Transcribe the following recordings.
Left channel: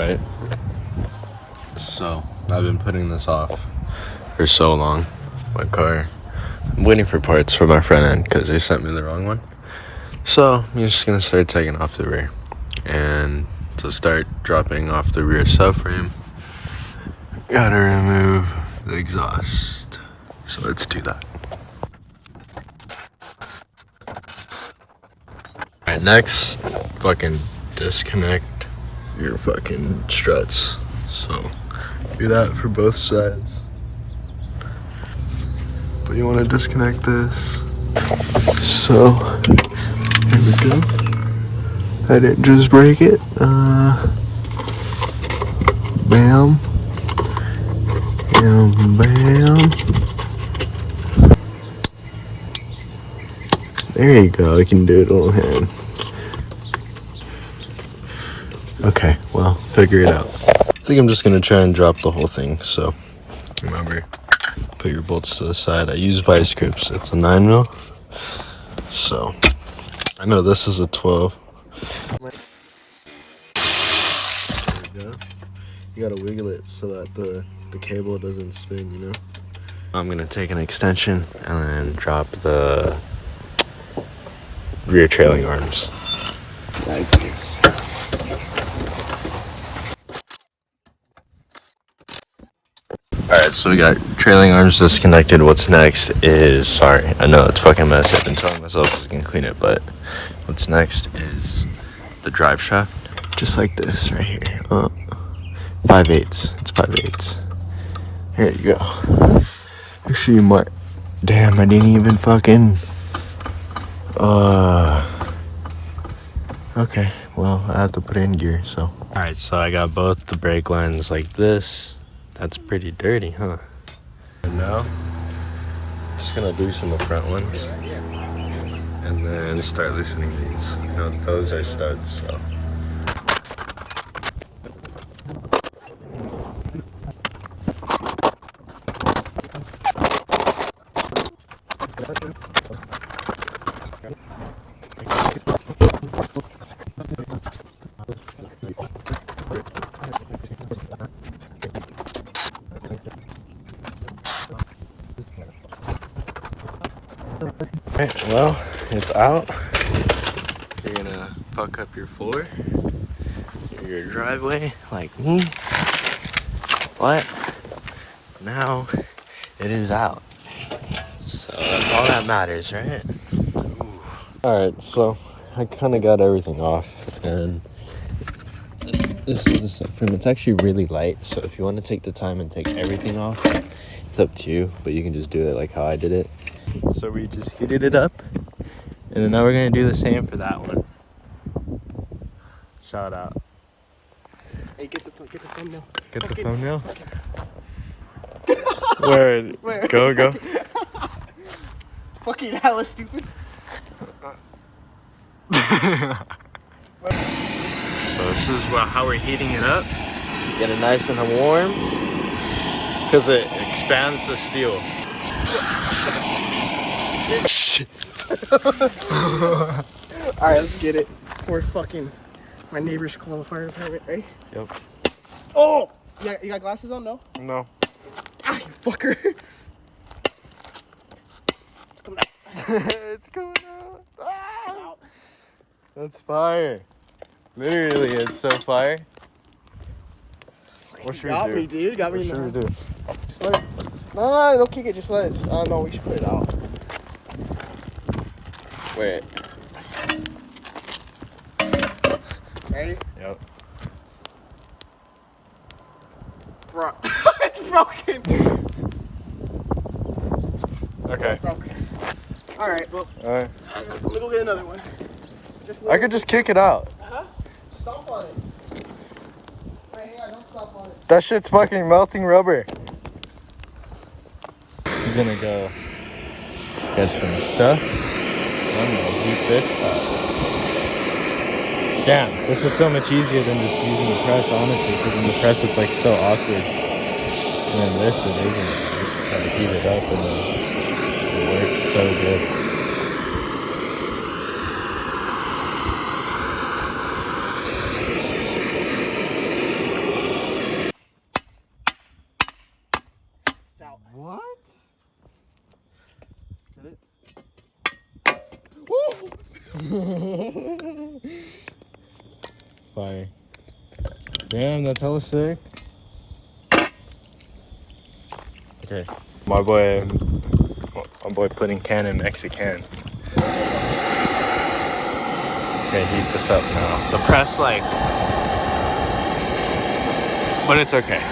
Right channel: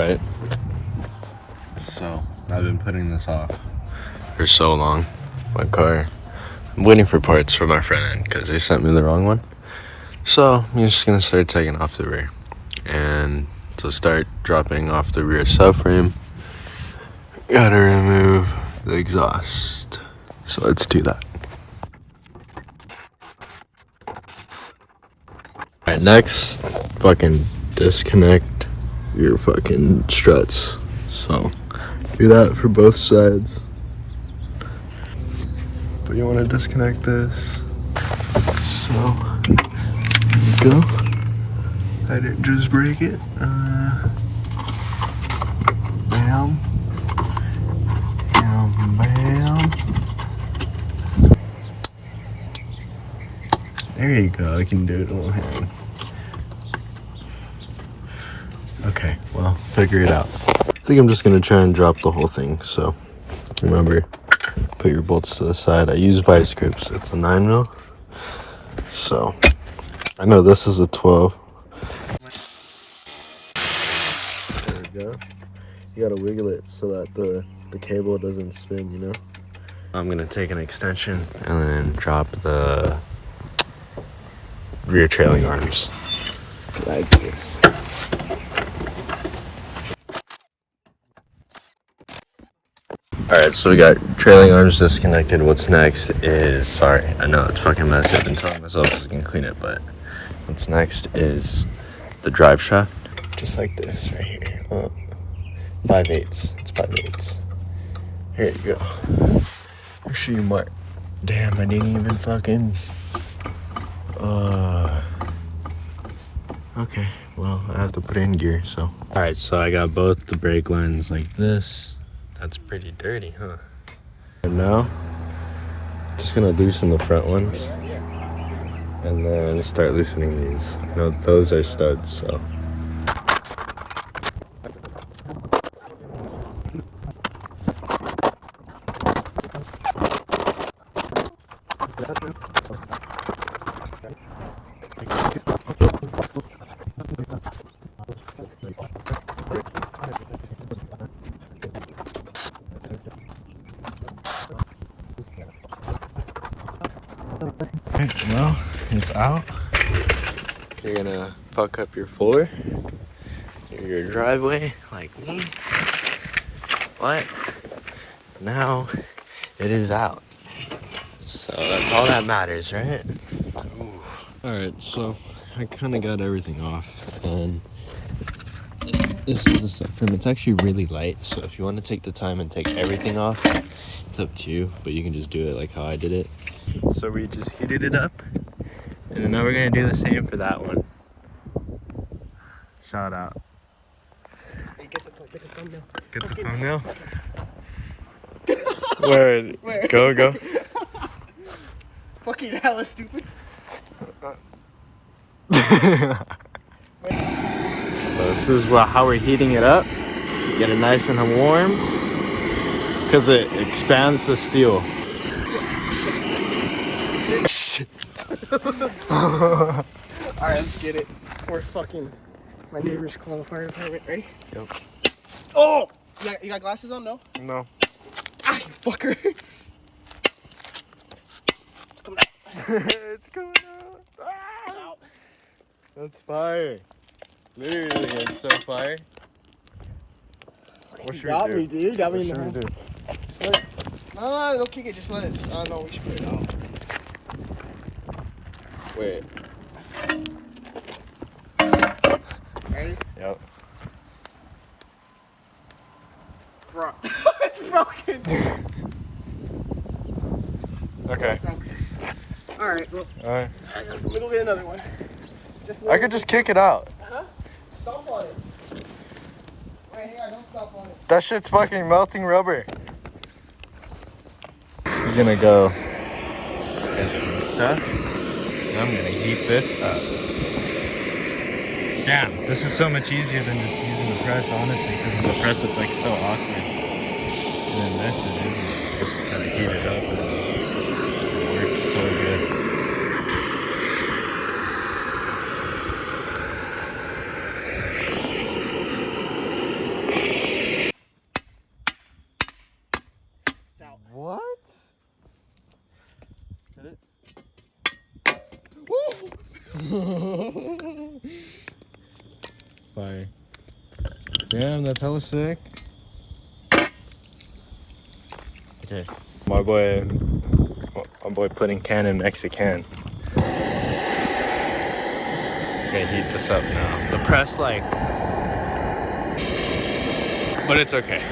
Right. So I've been putting this off for so long. My car. I'm waiting for parts for my front end because they sent me the wrong one. So I'm just gonna start taking off the rear, and to start dropping off the rear subframe, gotta remove the exhaust. So let's do that. Alright, next, fucking disconnect your fucking struts. So do that for both sides. But you want to disconnect this. So here we go. I didn't just break it. Bam. And bam. There you go. I can do it all hand. Okay, well, figure it out. I think I'm just gonna try and drop the whole thing. So remember, put your bolts to the side. I use vice grips. It's a 9mm. So I know this is a 12. There we go. You gotta wiggle it so that the cable doesn't spin, you know? I'm gonna take an extension and then drop the rear trailing arms like this. Alright, so we got trailing arms disconnected. What's next is, sorry, I know it's fucking messy. I've been telling myself I was gonna clean it, but what's next is the drive shaft, just like this right here. 5/8. It's 5/8. Here you go. You see my, damn, I didn't even fucking, okay, well, I have to put it in gear, so. Alright, so I got both the brake lines like this. That's pretty dirty, huh? And now, just gonna loosen the front ones and then start loosening these. I know those are studs, so. Alright, well, it's out. You're gonna fuck up your floor, your driveway, like me. But now it is out. So that's all that matters, right? Alright, so I kind of got everything off, and this is the subframe. It's actually really light, so if you want to take the time and take everything off, it's up to you, but you can just do it like how I did it. So we just heated it up, and then now we're gonna do the same for that one. Shout out. Hey, get the thumbnail. Get the thumbnail? Where? Go. Fucking hella stupid. So this is how we're heating it up. Get it nice and warm, because it expands the steel. Shit. Alright, let's get it. We're fucking my neighbor's call the fire department. Ready? Yep. Oh! You got glasses on? No? No. Ah, you fucker. It's coming out. It's coming out. Ah! It's out. That's fire. Literally, it's so fire. What should got we do? me, dude. Got What me. should we do? Just let it. No, don't kick it. Just let it. I don't know. We should put it out. Wait. Ready? Yep. Bro. It's broken. Okay. Broken. Alright, well. Alright. Let me go get another one. I could just kick it out. Uh-huh. Stomp on it. Wait, hang on. Don't stomp on it. That shit's fucking melting rubber. He's gonna go get some stuff. I'm gonna heat this up. Damn, this is so much easier than just using the press, honestly, because in the press it's like so awkward. And then this is easy. Just kind of heat it up and it works so good. Fire. Damn, that's hella sick. Okay. My boy putting can in Mexican. Okay, heat this up now. The press, like, but it's okay.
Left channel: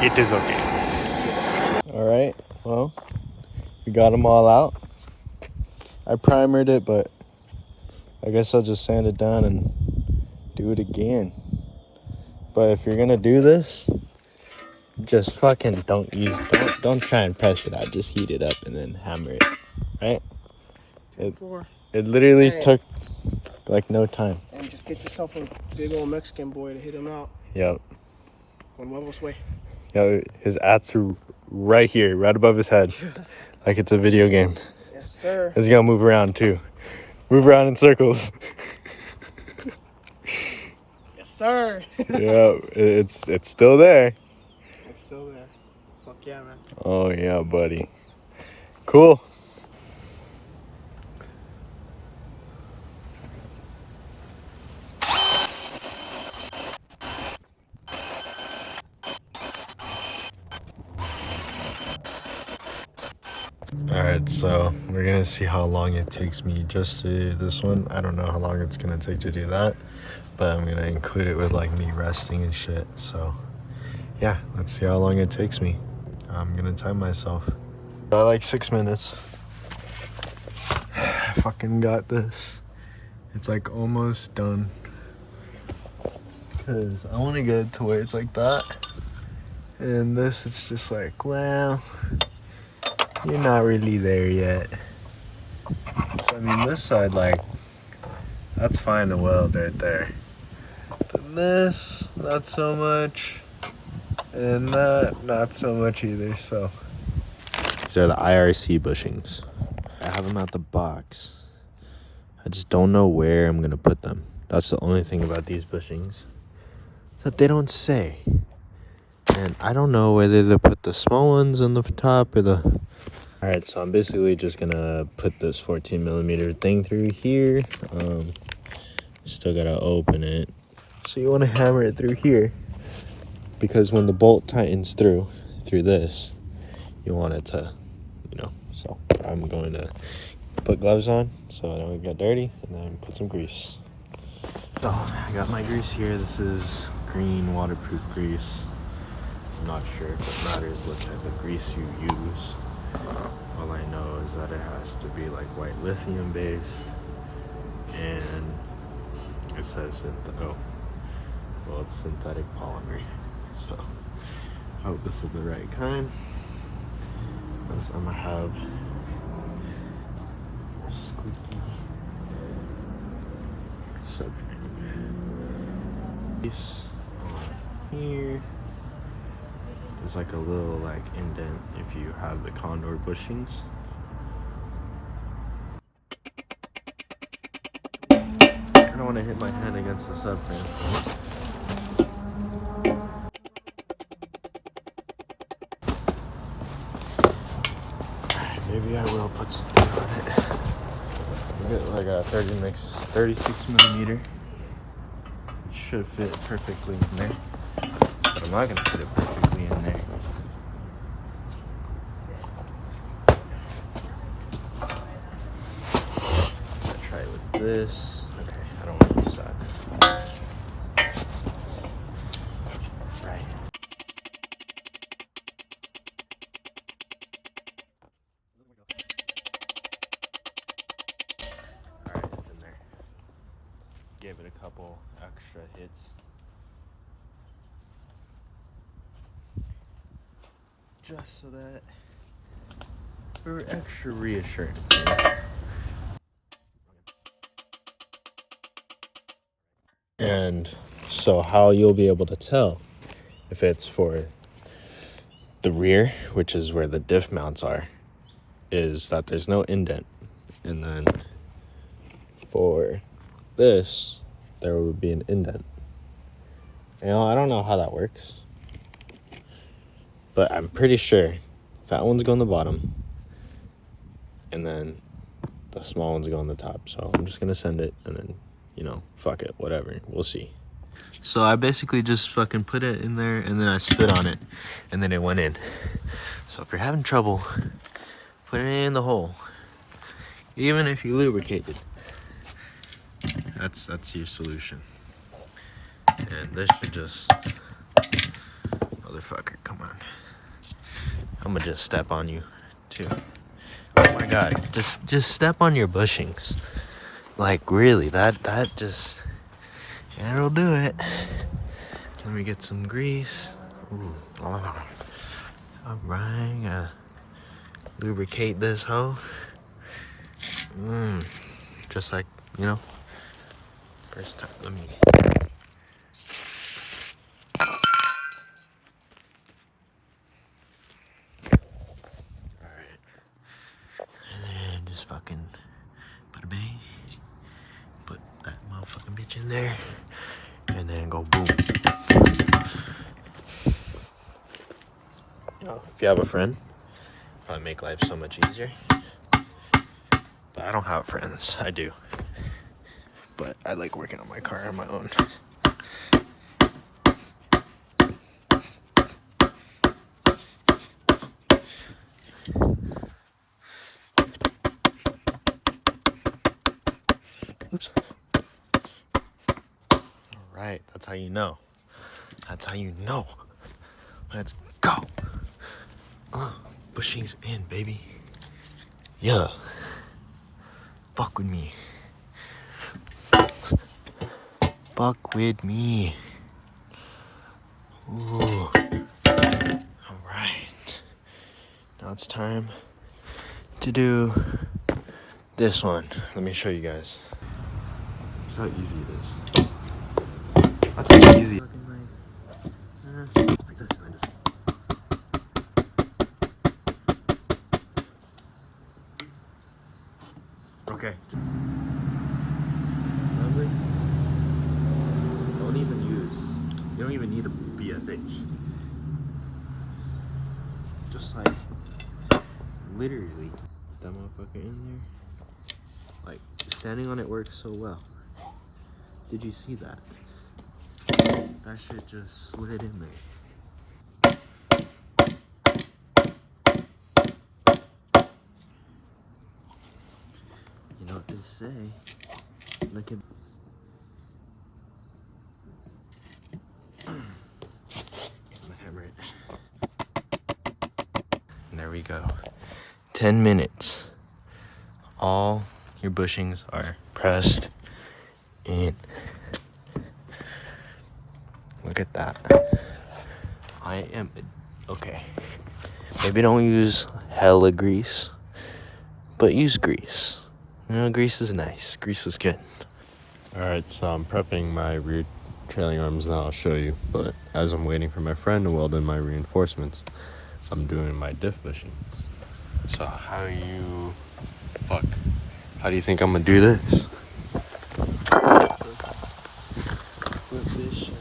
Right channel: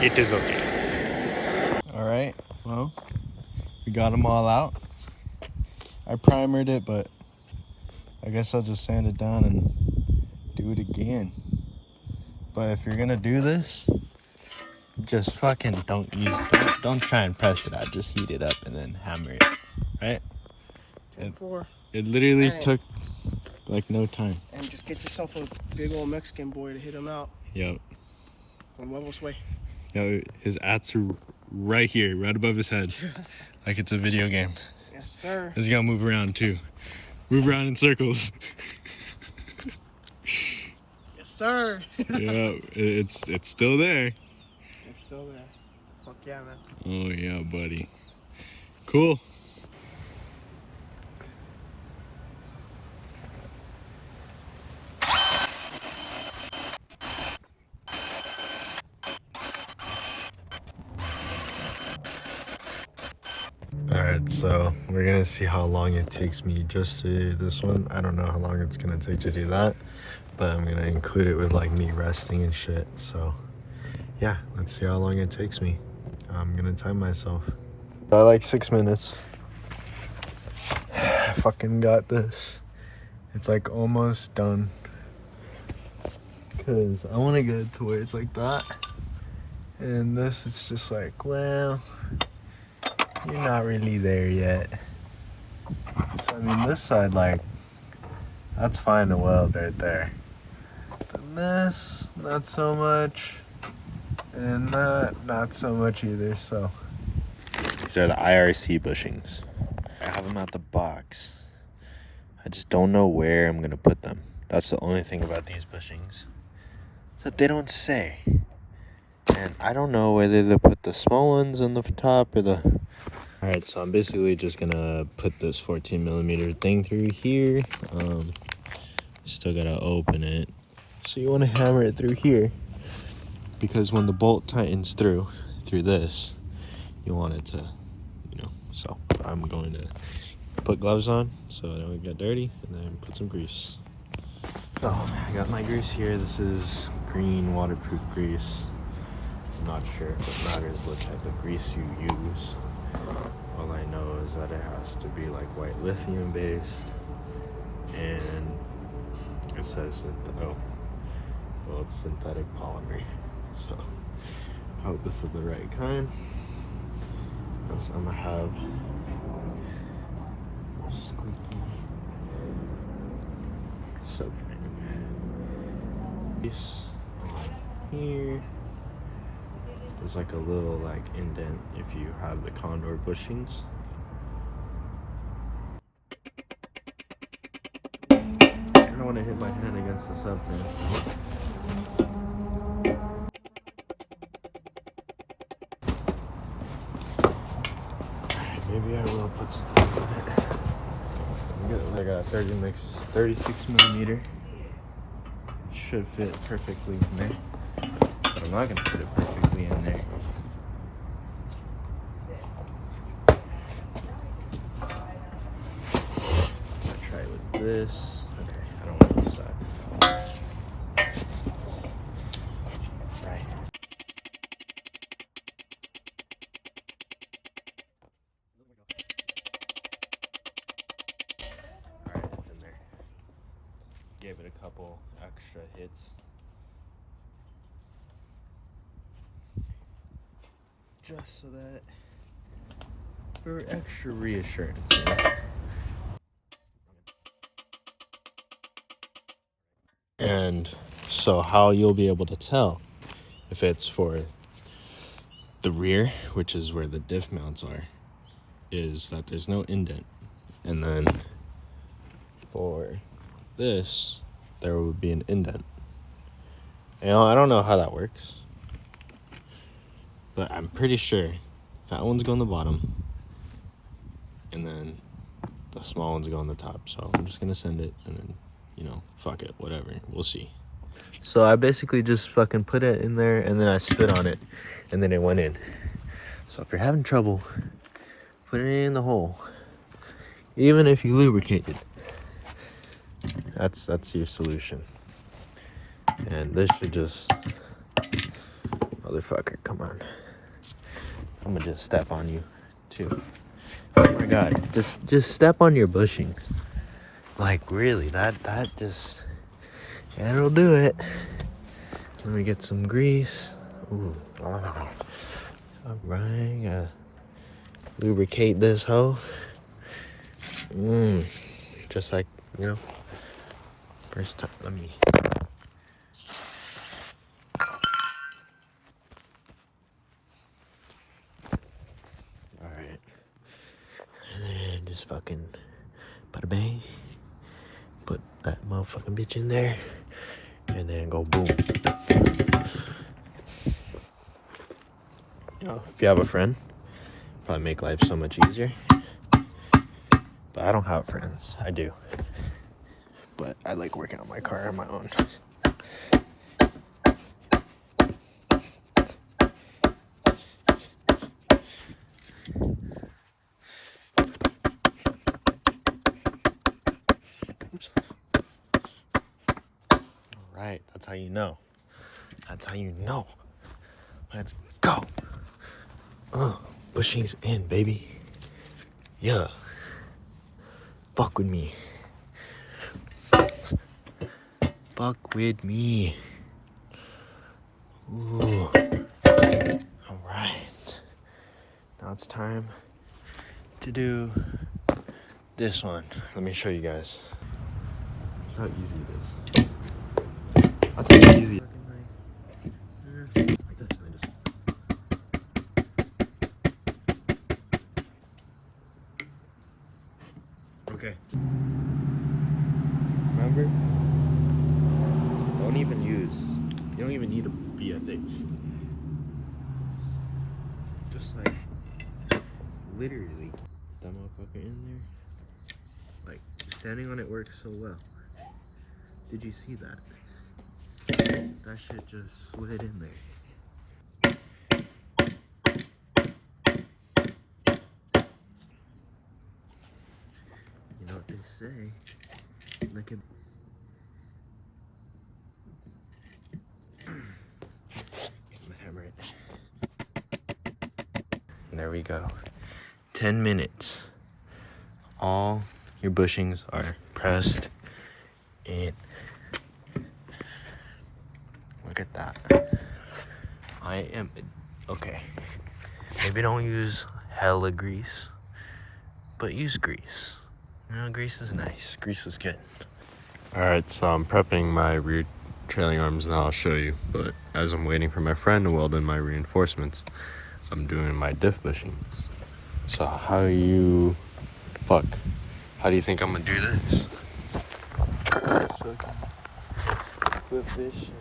It is okay. All right, well, we got them all out. I primered it, but I guess I'll just sand it down and do it again. But if you're gonna do this, just fucking don't try and press it out. Just heat it up and then hammer it, right? It literally took like no time. And just get yourself a big old Mexican boy to hit him out. Yep. One levels way. Yo, his ats are right here, right above his head, like it's a video game. Yes, sir. He's gonna move around too. Move around in circles. Yes, sir. Yeah, it's still there. It's still there. Fuck yeah, man. Oh yeah, buddy. Cool. Alright, so we're gonna see how long it takes me just to do this one. I don't know how long it's gonna take to do that, but I'm gonna include it with like me resting and shit. So yeah, let's see how long it takes me. I'm gonna time myself. I like 6 minutes. I fucking got this. It's like almost done. Cause I wanna get it to where it's like that. And this, it's just like, well, you're not really there yet. So I mean, this side, like, that's fine to weld right there. Then this, not so much. And that, not so much either, so. These are the IRC bushings. I have them out the box. I just don't know where I'm gonna put them. That's the only thing about these bushings that they don't say. And I don't know whether to put the small ones on the top or the... Alright, so I'm basically just gonna put this 14mm thing through here. Still gotta open it. So you wanna hammer it through here, because when the bolt tightens through this, you want it to, you know. So I'm going to put gloves on so I don't get dirty, and then put some grease. So I got my grease here. This is green waterproof grease. I'm not sure if it matters what type of grease you use. All I know is that it has to be like white lithium based, and it says it's synthetic polymer. So I hope this is the right kind, because I'm gonna have squeaky subframe. This on here. There's like a little like indent if you have the condor bushings. I don't want to hit my hand against the subframe. Alright, maybe I will put something on it. I'll get like a 36mm. Should fit perfectly in there. But I'm not gonna put it perfectly in there. I'm gonna try it with this. Okay, I don't want this side. Right. Alright, it's in there. Gave it a couple extra hits. Just so that for extra reassurance, you know? And so how you'll be able to tell if it's for the rear, which is where the diff mounts are, is that there's no indent. And then for this, there would be an indent. You know, I don't know how that works, but I'm pretty sure that one's going to the bottom, and then the small ones go on the top. So I'm just gonna send it, and then, you know, fuck it, whatever, we'll see. So I basically just fucking put it in there, and then I stood on it, and then it went in. So if you're having trouble, put it in the hole. Even if you lubricate it, that's your solution. And this should just, motherfucker, come on. I'm gonna just step on you too. Oh my god, just step on your bushings. Like really, that just, that'll do it. Let me get some grease. Ooh, all right, gotta lubricate this hoe. Just like, you know, first time. Let me. And then just fucking bada bang. Put that motherfucking bitch in there. And then go boom. If you have a friend, probably make life so much easier. But I don't have friends. I do. But I like working on my car on my own. Oops. Alright, that's how you know. That's how you know. Let's go. Bushings in, baby. Yeah. Fuck with me. Fuck with me. Ooh. Alright. Now it's time to do this one. Let me show you guys. That's how easy it is. That's how easy. Like this, and I just... Okay. Remember? Don't even use. You don't even need a BFH. Just like, literally, put that motherfucker in there. Like, standing on it works so well. Did you see that? That shit just slid in there. You know what they say? Look at... I'm gonna hammer it. And there we go. 10 minutes. All your bushings are pressed in. Look at that. I am... Okay. Maybe don't use hella grease, but use grease. You know, grease is nice. Grease is good. Alright, so I'm prepping my rear trailing arms now. I'll show you. But as I'm waiting for my friend to weld in my reinforcements, I'm doing my diff bushings. So how do you... Fuck. How do you think I'm gonna do this? Flip this shit.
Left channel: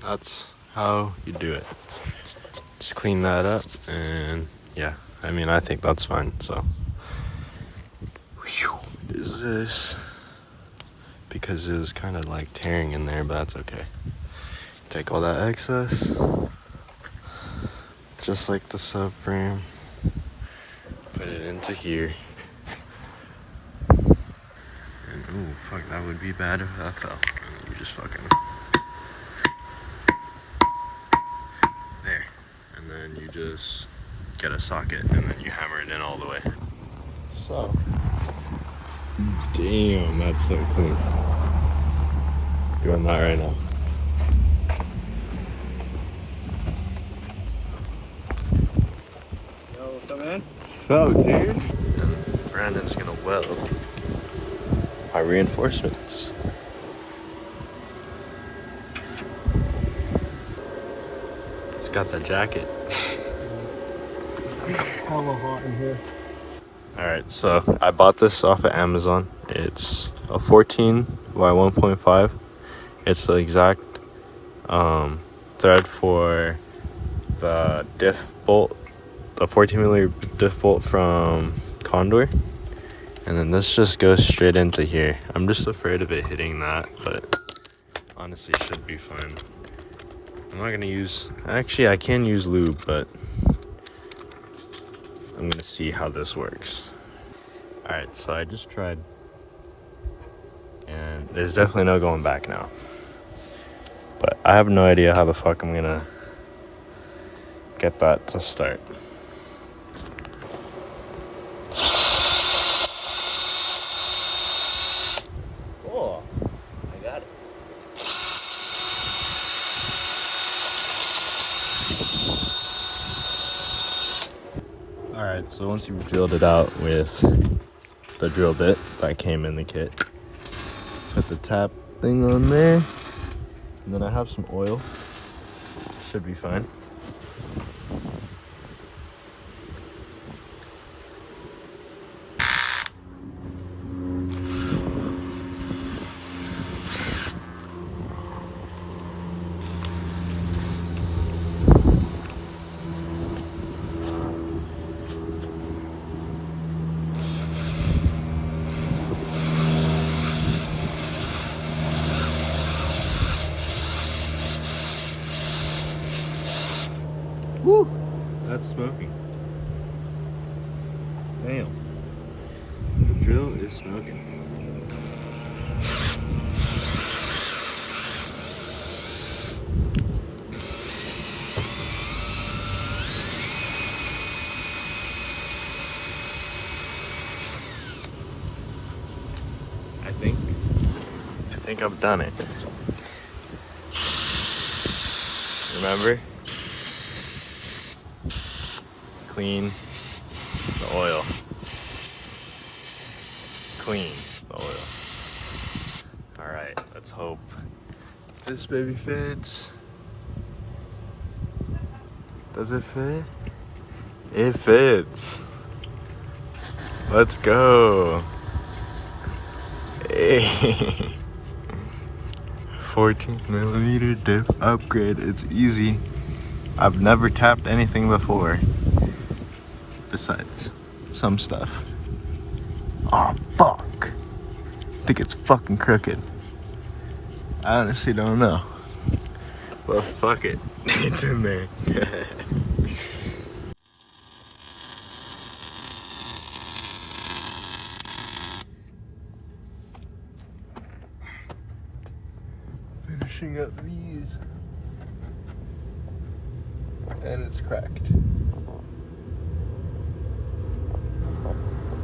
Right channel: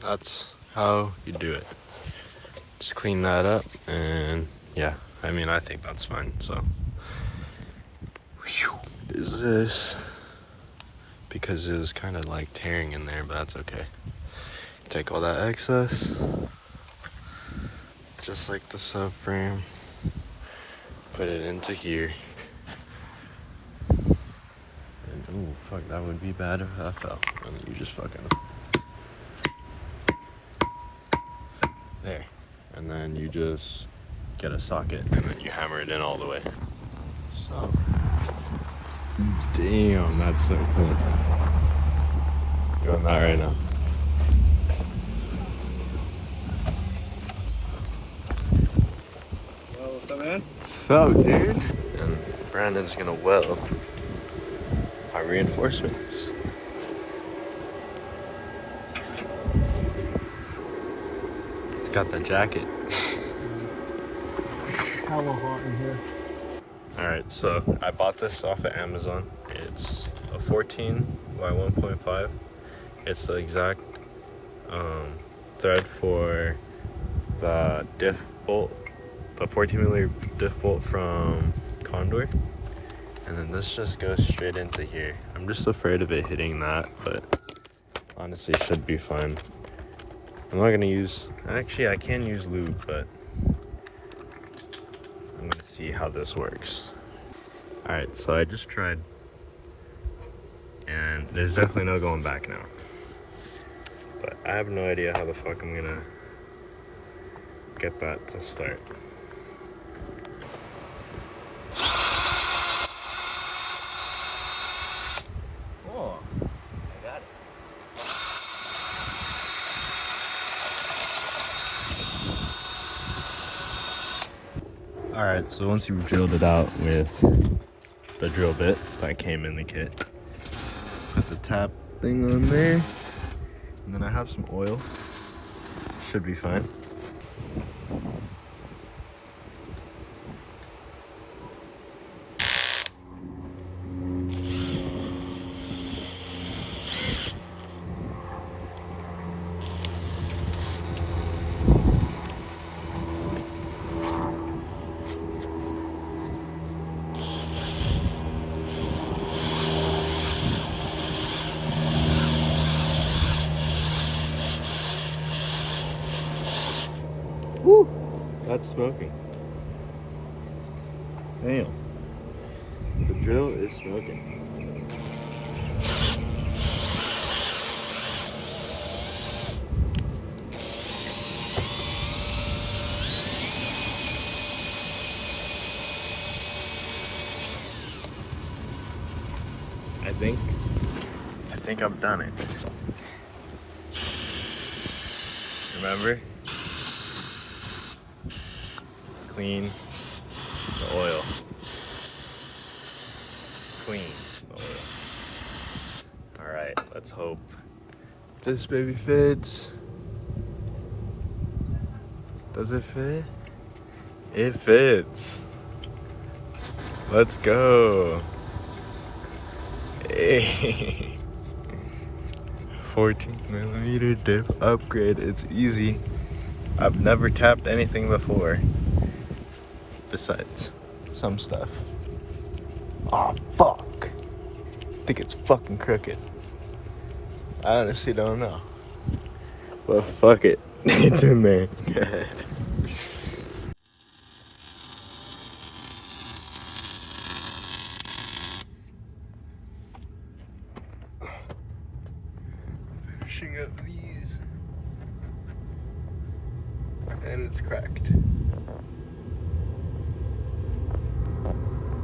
That's how you do it. Just clean that up, and yeah, I mean, I think that's fine. So is this, because it was kind of like tearing in there, but that's okay. Take all that excess, just like the subframe, put it into here. And ooh, fuck, that would be bad if that fell. You just fucking... There. And then you just get a socket, and then you hammer it in all the way. So, damn, that's so clean. Doing that right now. Yo, what's So man, What's up, dude? And Brandon's gonna weld our reinforcements. He's got that jacket. hella hot in here. Alright, so I bought this off of Amazon. It's a 14 by 1.5. It's the exact thread for the diff bolt, the 14mm diff bolt from Condor. And then this just goes straight into here. I'm just afraid of it hitting that, but honestly should be fine. I'm not gonna use, actually I can use lube, but I'm gonna see how this works. Alright, so I just tried, and there's definitely no going back now. But I have no idea how the fuck I'm gonna get that to start. Oh, I got it. Alright, so once you've drilled it out with the drill bit that came in the kit, put the tap thing on there, and then I have some oil. Should be fine. Woo! That's smoking. Damn. The drill is smoking. I think I've done it. Remember? Clean the oil. Clean the oil. Alright, let's hope this baby fits. Does it fit? It fits. Let's go. Hey. 14mm diff upgrade. It's easy. I've never tapped anything before. Besides some stuff. Oh fuck. I think it's fucking crooked. I honestly don't know. Well, fuck it. It's in there. Finishing up these. And it's cracked.